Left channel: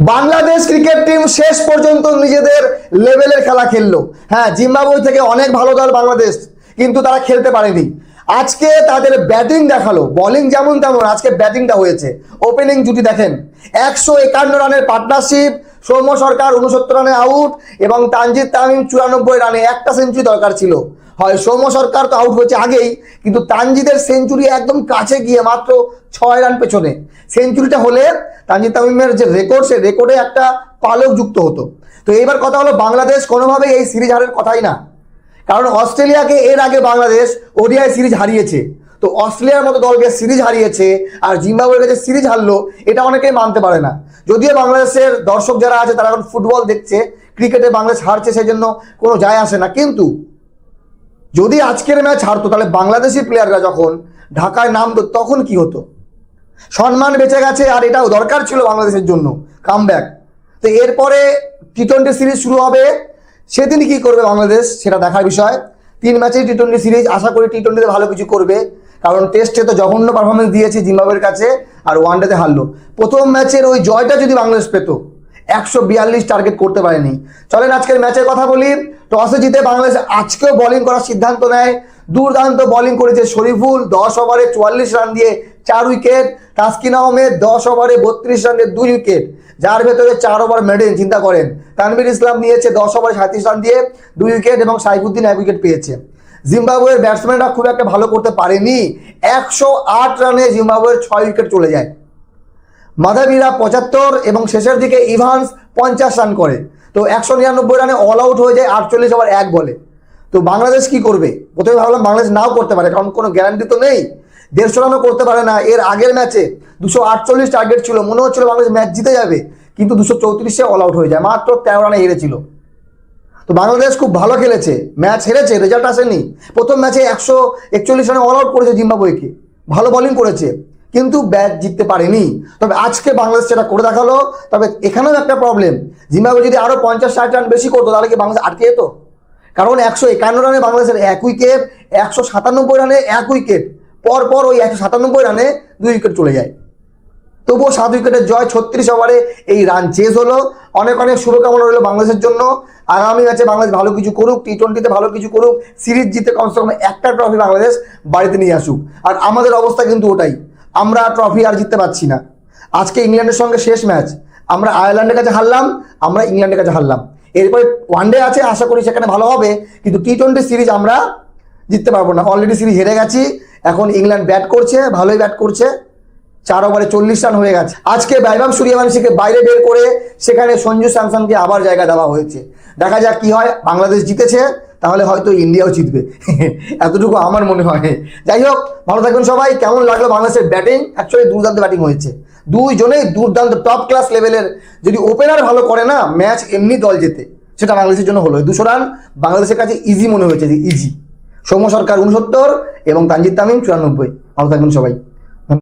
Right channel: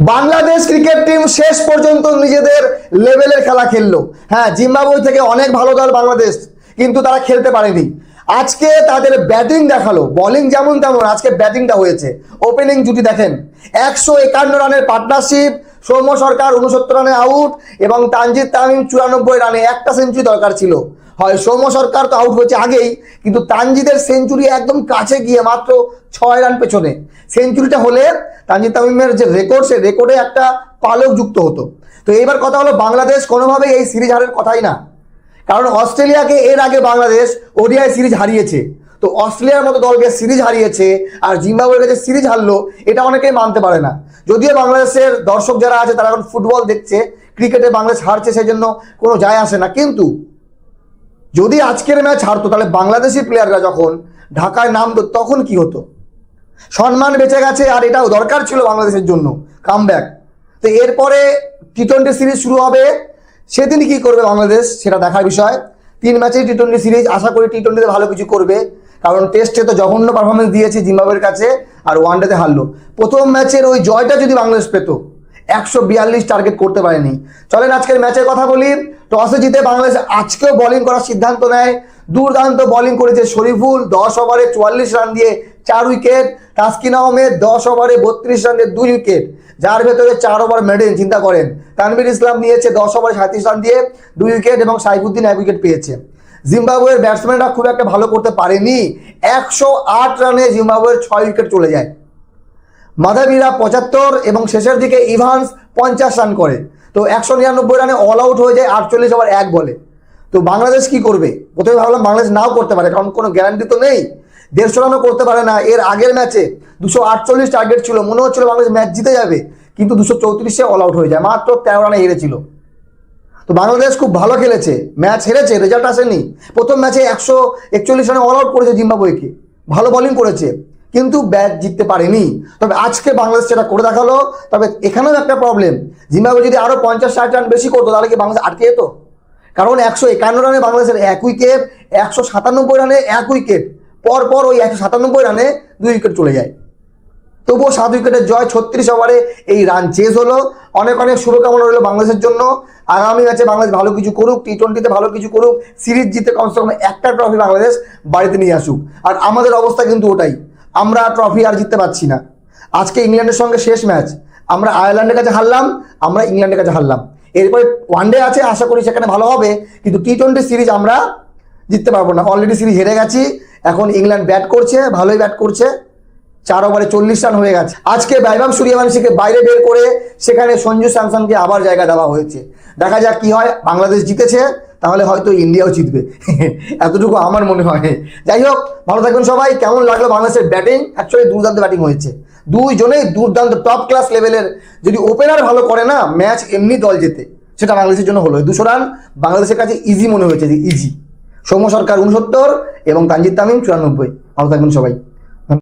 Bangladesh cricket team শেষ পর্যন্ত নিজেদের লেভেলের খেলা খেললো। হ্যাঁ, জিম্বাবুয়ে থেকে অনেক ভালো দল বাংলাদেশ, কিন্তু তারা খেলতে পারেনি। আজকে তাদের ব্যাটিং দেখালো, বোলিং যেমন তেমন, আজকে ব্যাটিংটা হয়েছে। ওপেনিং জুটি দেখেন, 151 রানের পার্টনারশিপ। সৌম্য সরকার 69 রানে আউট এবং তানজিদ তামিম 94 রানে। একটা সেঞ্চুরি দরকার ছিল। হয় সৌম্য সরকার তো আউট হয়েছে আগেই, কিন্তু তানজিদের সেঞ্চুরি একদম কাছে গিয়ে মাত্র 6 রান পেছনে। সেঞ্চুরিটা হলে তানজিদ তামিমের যে রেকর্ড, সে রেকর্ডে একটা পালক যুক্ত হতো। তো এবার কথা হলো, বাংলাদেশ কোনোভাবেই এই সিরিজ হারের কথাই না, কারণ অস্ট্রেলিয়াকে এর আগে বাংলাদেশ ওডিআই সিরিজ হারিয়েছে। তো অস্ট্রেলিয়ার মতো দলকে সিরিজ হারিয়েছে আর জিম্বাবুয়ের কাছে সিরিজ হারলো, এটা অনেকেই মানতে পারে না। যদিও বাংলাদেশের দর্শক যারা আছে তারা এখন ফুটবল দেখছে, ক্রিকেটে বাংলাদেশ হারছে সেই জন্য কোনো যায় আসে না। কিন্তু যদি আজকের ম্যাচ হারতো, তাহলে বাংলাদেশি প্লেয়াররা যখন ঢাকায় নামতো তখন কি হতো? সম্মান বেঁচে গেছে, আর এটাও দরকার ছিল বাংলাদেশের জন্য কামব্যাক। তো এরপরে টি-20 সিরিজ শুরু হবে, সেদিন কি করবে বাংলাদেশ সেটা দেখার বিষয়। 3 ম্যাচের টি-20 সিরিজ, আশা করি টি-20তে ভালো কিছু করবে, কারণ টেস্টে তো জঘন্য পারফরমেন্স দিয়েছে জিম্বাবুয়ের কাছে, আর ওয়ানডেতে হারলো। প্রথম ম্যাচের ওই জয়টা যদি বাংলাদেশ পেত, 142 টার্গেট করতে পারেনি। চলেন আজকের ম্যাচের কথা বলি। টসে জিতে বাংলাদেশ আজকেও বোলিং করার সিদ্ধান্ত নেয়। দুর্দান্ত বোলিং করেছে শরীফুল, 10 ওভারে 44 রান দিয়ে 4 উইকেট। তাসকিন আহমেদ 10 ওভারে 32 রান দিয়ে 2 উইকেট, যার ভেতরে 4 ওভার মেডেন। চিন্তা করেন, তানভীর ইসলাম নিয়েছে 10 ওভারে 37 রান দিয়ে 2 উইকেট এবং সাইফুদ্দিন 1 উইকেট পেয়েছে। জিম্বাবুয়ের ব্যাটসম্যানরা খুব একটা ভালো করতে পারেনি। 108 রানে জিম্বাবুয়ের 6 উইকেট চলে যায়। মাধাবীরা 75 এবং শেষের দিকে ইভান্স 50 রান করে। তো 199 রানে অল আউট হয়ে যায় 48 ওভার 1 বলে। তো বাংলাদেশ কি করবে? প্রথমে ভাবলাম বাংলাদেশ নাও করতে পারে, কারণ কোনো গ্যারান্টি তো নেই। 150 রানও করতে পারে না। এর আগের ম্যাচে 248 টার্গেট ছিল, মনে হচ্ছিল বাংলাদেশ ম্যাচ জিতে যাবে, কিন্তু 234-এ অল আউট হয়ে যায়, মাত্র 13 রানে হেরেছিল। তো বাংলাদেশ খুব ভালো খেলেছে, ম্যাচ হেরেছে, রেজাল্ট আসেনি। প্রথম ম্যাচে 141 রানে অল আউট করেছে জিম্বাবুয়েকে, ভালো বোলিং করেছে, কিন্তু ব্যাট জিততে পারেনি। তবে আজকে বাংলাদেশ সেটা করে দেখালো। তবে এখানেও একটা প্রবলেম, জিম্বাবুয়ে যদি আরো 50-60 রান বেশি করতো, তাহলে কি বাংলাদেশ আটকে যেত? কারণ 151 রানে বাংলাদেশের 1 উইকেট, 197 রানে 1 উইকেট, পরপর ওই 197 রানে 2 উইকেট চলে যায়। তবুও 7 উইকেটের জয়, 36 ওভারে এই রান চেজ হলো। অনেক অনেক শুভকামনা রইল বাংলাদেশের জন্য। আগামী ম্যাচে বাংলাদেশ ভালো কিছু করুক, টি-20তে ভালো কিছু করুক, সিরিজ জিতে কমসে কম একটা ট্রফি বাংলাদেশ বাড়িতে নিয়ে আসুক। আর আমাদের অবস্থা কিন্তু ওটাই, আমরা ট্রফি আর জিততে পারছি না। আজকে ইংল্যান্ডের সঙ্গে শেষ ম্যাচ, আমরা আয়ারল্যান্ডের কাছে হারলাম, আমরা ইংল্যান্ডের কাছে হারলাম। এরপরে ওয়ানডে আছে, আশা করি সেখানে ভালো হবে, কিন্তু টি-20 সিরিজ আমরা জিততে পারবো না। অলরেডি সিরিজ হেরে গেছি। এখন ইংল্যান্ড ব্যাট করছে, ভালোই ব্যাট করছে, 4 ওভারে 40 রান হয়ে গেছে। আজকে বৈভব সূর্যবংশীকে বাইরে বের করে সেখানে সঞ্জু স্যামসনকে আবার জায়গা দেওয়া হয়েছে। দেখা যাক কি হয়। বাংলাদেশ জিতেছে, তাহলে হয়তো ইন্ডিয়াও জিতবে, এতটুকু আমার মনে হয়। যাই হোক, ভালো থাকবেন সবাই। কেমন লাগলো বাংলাদেশের ব্যাটিং? অ্যাকচুয়ালি দুর্দান্ত ব্যাটিং হয়েছে, দুইজনেই দুর্দান্ত টপ ক্লাস লেভেলের। যদি ওপেনার ভালো করে না, ম্যাচ এমনি দল জেতে, সেটা বাংলাদেশের জন্য হলো। 200 রান বাংলাদেশের কাছে ইজি মনে হয়েছে, যে ইজি। সৌম্য সরকার 69 এবং তানজিদ তামিম 94। ভালো থাকবেন সবাই।